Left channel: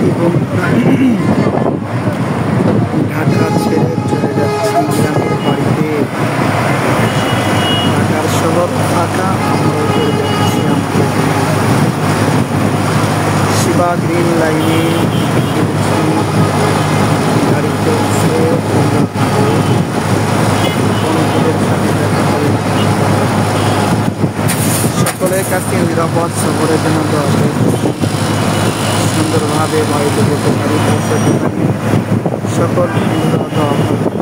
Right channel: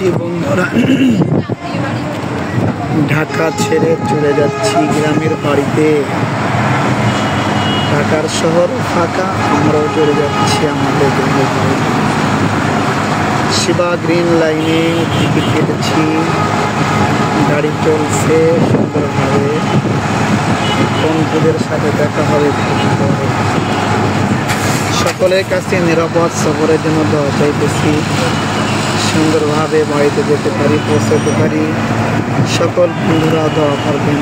যাচ্ছি বন্ধুরা, ঢাকা ছেড়ে চলে যাচ্ছি গ্রামের বাড়িতে। ঢাকার শহর ফাঁকা, আমরাও চলে যাচ্ছি আমাদের শিবা গ্রিন লাইনে টিকিট কেটেছি। গাড়ি চলছে সুন্দরভাবে, বন্ধুদের সাথে দেখা হবে। সকলের কাছে নিরাপদ সফরের জন্য দোয়া চাইতেছি, সুন্দরভাবে বাড়িতে যেতে পারি, পৌঁছাতে পারি। সকল বন্ধুরা দোয়া করবেন।